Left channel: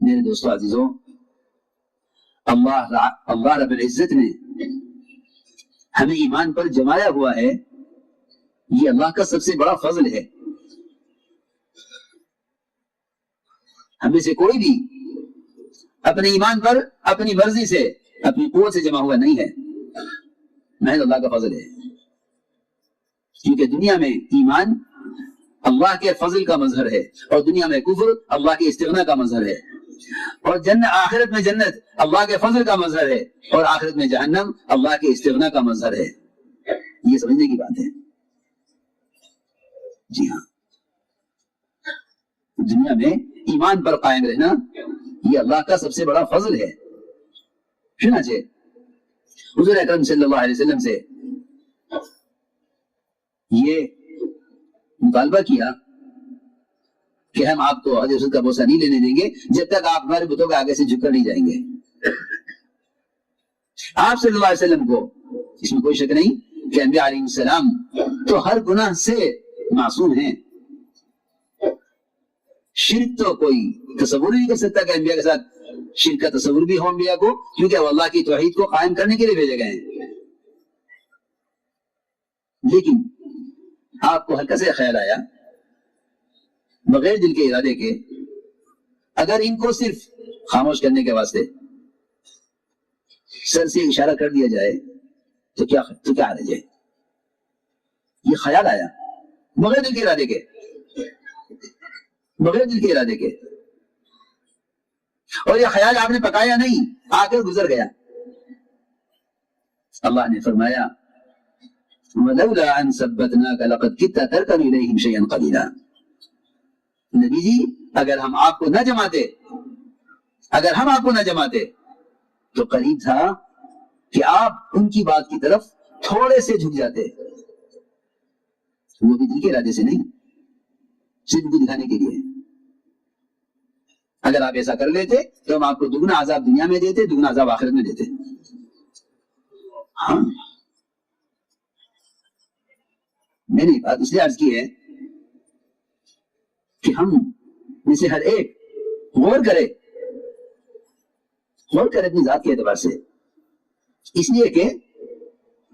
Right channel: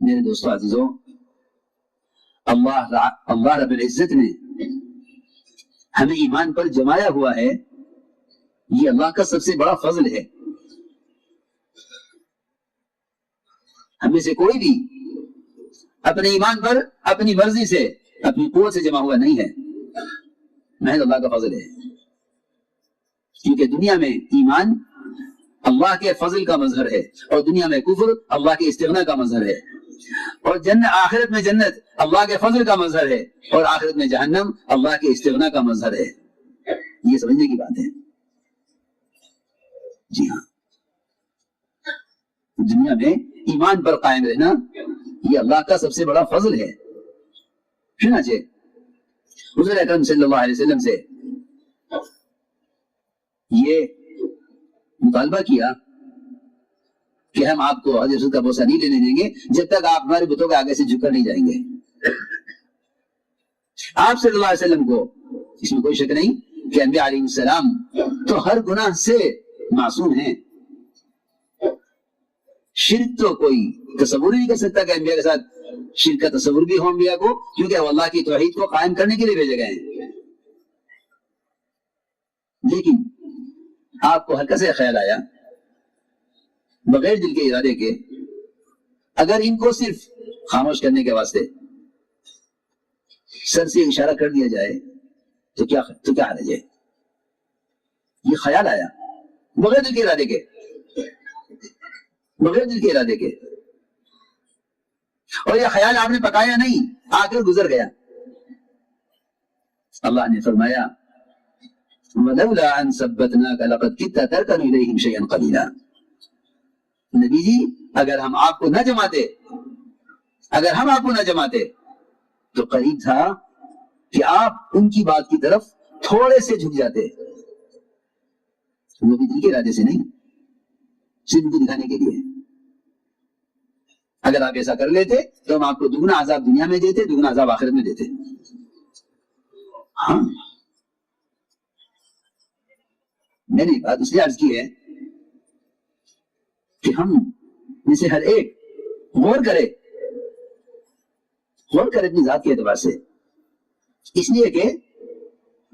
میرے دوستو عزیزوں، اللہ رب العزت نے ہمیں ایمان پر جمایا ہوا ہے، یہ اللہ کا سب سے بڑا فضل ہے۔ ہمیں سے کوئی بھی اپنے ایمان پر اپنی مرضی سے اپنی قوت سے جمع ہوا نہیں ہے، محض اللہ کا فضل ہے۔ کیونکہ دنیا میں ایمان اللہ کے فضل کا مظہر ہے، اور دنیا میں کفر اللہ کے استغنا کا مظہر ہے، اور آخرت میں جنت اللہ کے فضل کا مظہر ہے، اور آخرت میں جہنم اللہ کے استغنا کا مظہر ہے۔ یہ سمجھنے کی بات ہے۔ جی ہاں، دنیا میں ایمان پر قائم رہنا یہ اللہ کا سب سے بڑا فضل ہے۔ چنانچہ حضور اکرم صلی اللہ علیہ وسلم سے یہ مطالبہ کیا کہ ہم آپ کو حضرت کا بوسہ نہیں لینے دیں گے جب تک آپ ہمارے بتوں کے آگے سے جھک کر نہیں جائیں گے۔ آپ صلی اللہ علیہ وسلم کو اس میں کوئی شک نہیں کہ انبیاء علیہ السلام تو ہر گناہ سے معصوم ہیں۔ شرک تو کوئی تصور نہیں کر سکتا کہ انبیاء کے ساتھ شرک کا تصور بھی ہو انبیاء کو، کیونکہ وہ اللہ کی توحید کو قائم کرنے کے لیے بھیجے گئے ہیں۔ لیکن آپ کو ہلکا سے خیال آیا بغیر دل کے ارادے کے، اگر ان کو صرف خاموش کرنے کے واسطے سر سے اشارہ کر دیا جائے تو کیا حرج ہے؟ یہ خیال آیا بغیر دل کے ارادے کے، بغیر دل کے ارادے کے، اور یہ خیال آپ نے پکایا نہیں، آ کر گزر گیا۔ اللہ نے فرمایا وَلَوْلَا أَن ثَبَّتْنَاكَ لَقَدْ كِدتَّ تَرْكَنُ إِلَيْهِمْ شَيْئًا قَلِيلًا۔ نبی جی، اگر ہم آپ کو نہ جماتے تو قریب تھا کہ آپ ان کی بات کی طرف تھوڑے سے جھک جاتے، وہ بھی دل کے ارادے سے نہیں، صرف ان کو دکھانے کے لیے۔ اگر آپ ایسا کر لیتے تو ہم آپ کو دگنا عذاب دنیا میں دیتے، دگنا عذاب آخرت میں دیتے۔ ہاں، میں نے بات اس لیے عرض کی ہے کہ ہم میں سے ہر ایک غور کرے اپنی ذات کے اعتبار سے، اس لیے کہ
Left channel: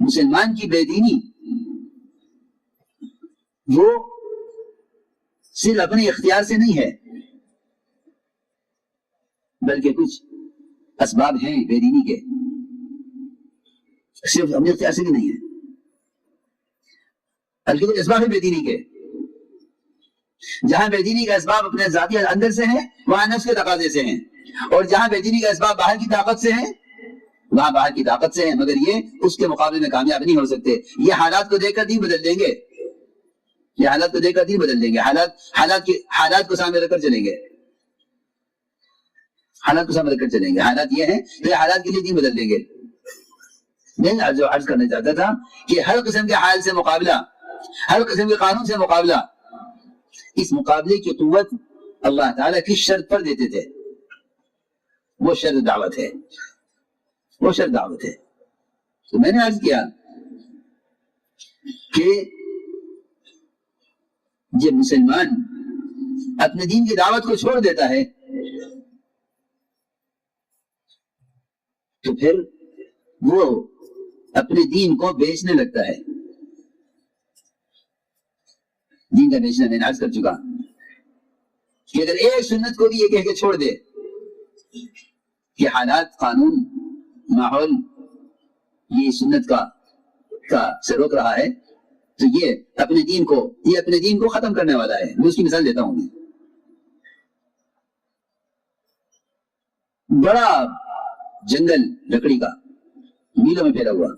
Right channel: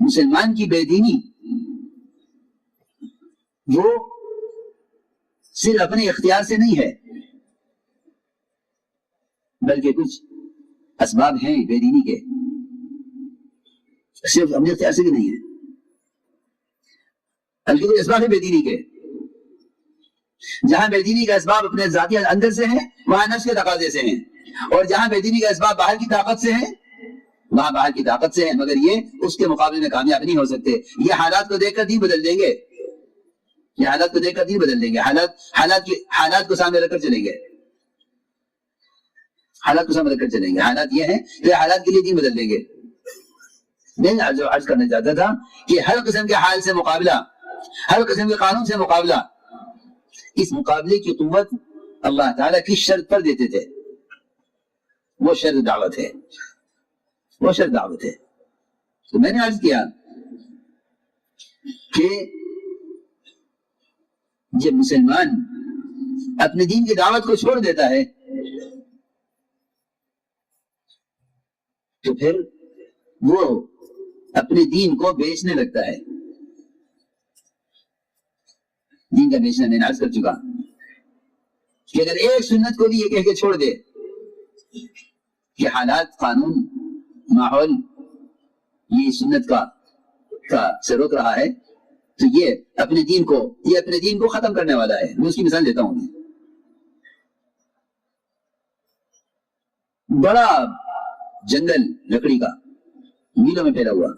مسلمان کی بے دینی وہ صرف اپنے اختیار سے نہیں ہے، بلکہ کچھ اسباب ہیں بے دینی کے، صرف اپنے اختیار سے بھی نہیں ہے، بلکہ کچھ اسباب ہیں بے دینی کے۔ جہاں بے دینی کا اسباب اپنے ذاتی اندر سے ہیں وہاں نفس کے تقاضے سے ہیں، اور جہاں بے دینی کا اسباب باہر کی طاقت سے ہیں وہاں باہر کی طاقت سے ہیں، مگر یہ اس کے مقابلے میں کامیاب نہیں ہو سکتے۔ یہ حالات کو دیکھ کر دین بدل دیں گے، یہ حالات کو دیکھ کر دین بدل دیں گے، حالات کو سامنے رکھ کر چلیں گے، حالات کو سامنے رکھ کر چلیں گے۔ حالات یہ ہیں کہ حالات کے لیے دین بدل دیں گے۔ میں جو عرض کرنا چاہتا تھا کہ ہر قسم کے حال سے مقابلہ، ہر قسم کے قانون سے مقابلہ، اس مقابلے کی قوت اللہ تعالیٰ کی شرط پر دیتے تھے، وہ شرط دعوت ہے، وہ شرط دعوت ہے۔ تو میں نے عرض کیا کہ جب مسلمان اپنے دین کی دعوت کو چھوڑ دیتا ہے تو پھر وہ اپنے دین کو بیچنے لگتا ہے۔ دین کا بیچنا میں نے عرض کر چکا کہ اگر ایک سنت کو بھی یہ کہہ کے چھوڑ دے کہ حالات، قانون، ماحول یہ سنت کا سے روک رہا ہے تو یہ اپنے دین کو ختم کرنے والا ہے۔ میں اس کی مثال دیتا ہوں۔ بڑا جنگل لکڑی کا میلوں میں پھیلا ہوا،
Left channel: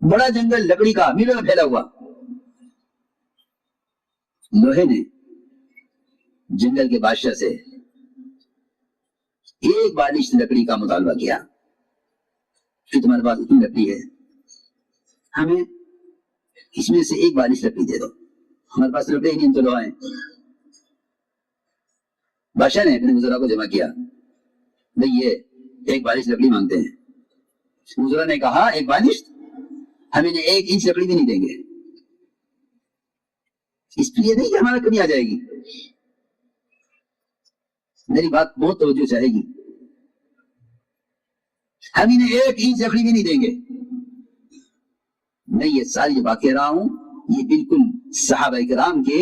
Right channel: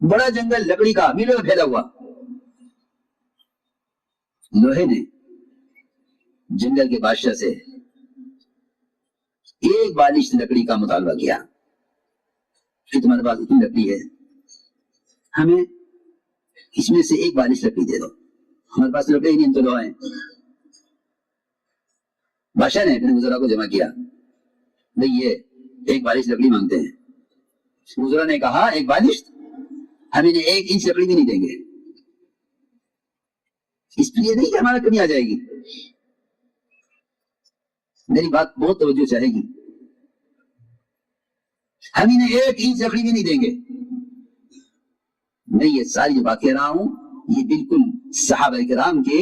بڑا جنگل لکڑی کا میلوں میں پھیلا ہوا، لوہے نے جنگل کے بادشاہ سے ایک بالش لکڑی کا مطالبہ کیا کہ تمہارے پاس اتنی لکڑی ہے، ہمیں اس میں سے ایک بالش لکڑی دے دو، ہمارے پاس لکڑی نہیں، ہم تو لوہے ہیں۔ بادشاہ نے اپنے وزراء کو جمع کیا، بھئی یہ ایک بالش لکڑی مانگتے ہیں۔ وزراء نے کہا ایک بالش، ہم انہیں 1 انچ لکڑی بھی نہیں دیں گے، اس لیے نہیں کہ ہمارا کمی آ جائے گی، میری بات بہت توجہ چاہے گی. ہم انہیں ایک اینچ لکڑی بھی نہیں دیں گے. میں یہ ساری جو بات کہہ رہا ہوں یہ بالکل صحابہ کرام کے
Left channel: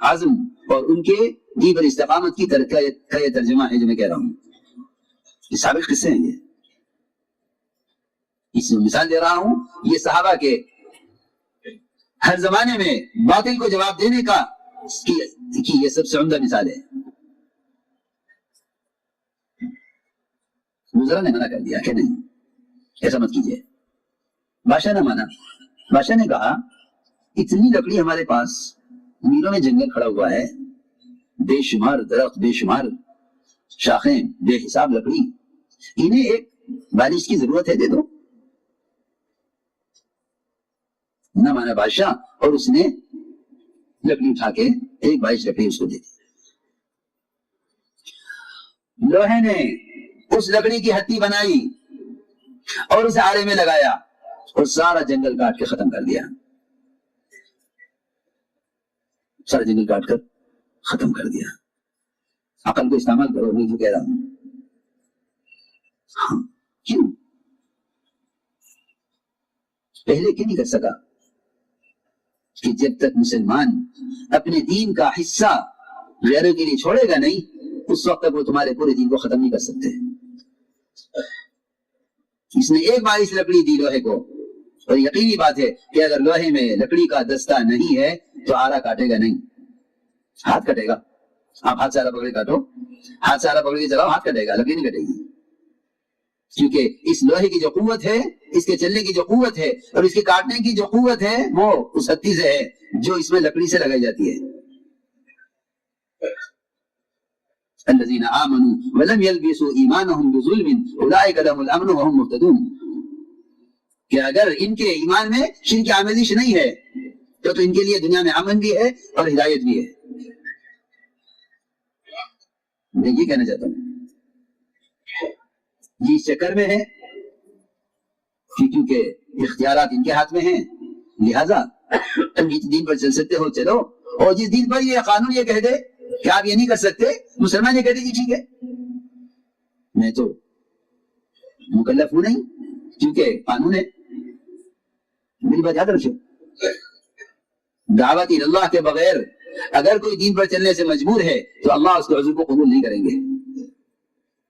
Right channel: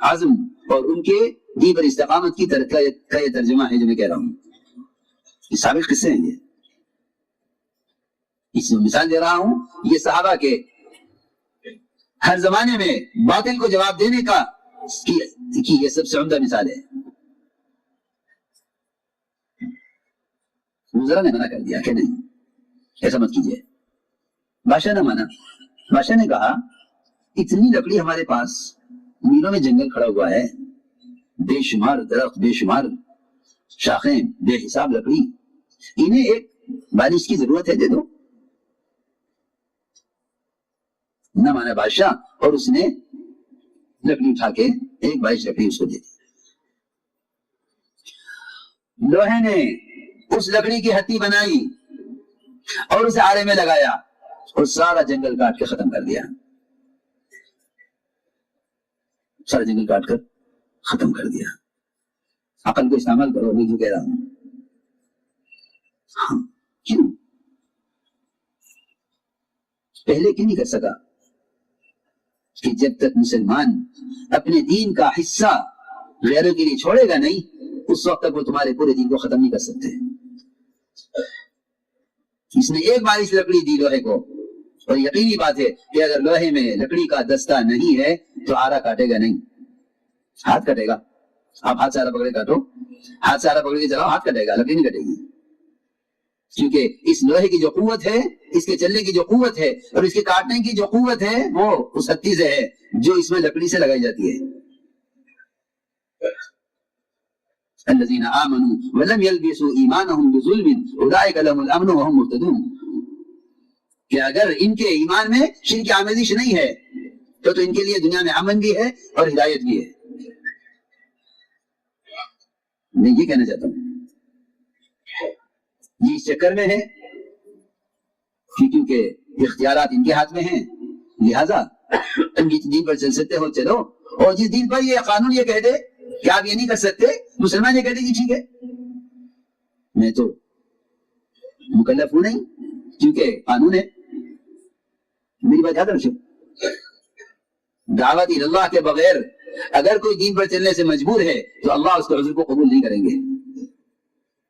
عزم اور ان کے دین پر استقامت کی کا یہ ترجمہ ہے جو میں کہہ رہا ہوں. یہ سابق قصے ہیں. اس میں مثال دے رہا ہوں یہ صحابہ کے ہر زمانے میں باطل کو جواب دینے کا کی یہ سب سے عمدہ مثال ہے. وزراء نے منع کر دیا کہ نہیں ایسا مت کیجیے. بادشاہ نے مانا. بادشاہ نے کہا اتنی لکڑی ہمارے پاس, میلوں میں جنگل کھڑا ہوا ہے, بے شمار درخت, بے شمار شاخیں, بے حساب لکڑی, انہیں ایک بارش کی ضرورت ہے, دے دو. نہ مانا بادشاہ, اور اس نے لکڑی اٹھا کے ایک بارش لکڑی اس کو دے دی. لوہے نے اس لکڑی کی ہتھی بنائی اور اسے آرے میں لگایا اور سارا جنگل کاٹ کے ختم کر دیا. سارا جنگل کاٹ کر ختم کر دیا. عقل کو استعمال کرو, میں جو کہہ رہا ہوں. ہاں کیوں پہلے کیوں نہیں کر سکا؟ کہ جب تک مسلمان اپنے دین کا حصہ غیروں کے لیے چھوڑے گا نہیں, اس وقت تک وہ تمہارے پورے دین کو ختم نہیں کر سکتے. اس نے ایک بار اس لکڑی دی لوہے کو, اور یقینی بات ہے کہ اگر لوہے میں لکڑی کا دستہ نہیں ہے تو آرا کاٹے گا نہیں, ہاتھ کٹے گا. آپ ہاتھ سے آرا پکڑے کاٹو, ہاتھ سے آرا پکڑ کے چلاؤ, ہاتھ کٹے گا, لکڑی نہیں کٹے گی. کیونکہ اس لوہے کی جو قوت ہے, اس کے چلنے کی جو قوت ہے, اور اس کے کاٹنے کی جو قوت ہے, وہ اس ہتھی سے ہے جو اس میں لکڑی سے لگائی جاتی ہے. الذين آمنوا ولم يلبسوا ایمانهم بظلم اولئک لهم الامن وهم مهتدون. کہ اگر ان کے ایمان میں شرک آمیزش نہیں ہے تو ان کے لیے دنیا میں امن بھی ہے اور ہدایت بھی ہے. میں یہ کہنا چاہتا ہوں یہ اس چکر میں ہے کیونکہ اختیارات ان کے ہاتھ میں ہیں, لہذا تم جس دین پر چل سکتے ہو چلو, اور جس دین پر یہ قانون یہ کہہ دے کہ آپ یہ نہیں کر سکتے, مسلمان یہ کہہ دے کہ ٹھیک ہے, میں تو مکلف ہوں نہیں کیونکہ قانون ہے. میری بات یاد رکھو, دعوت اللہ کے بغیر اگر کوئی دین پر چلنے سے مجبور ہے تو اللہ اس کے عذر کو قبول نہیں کریں گے.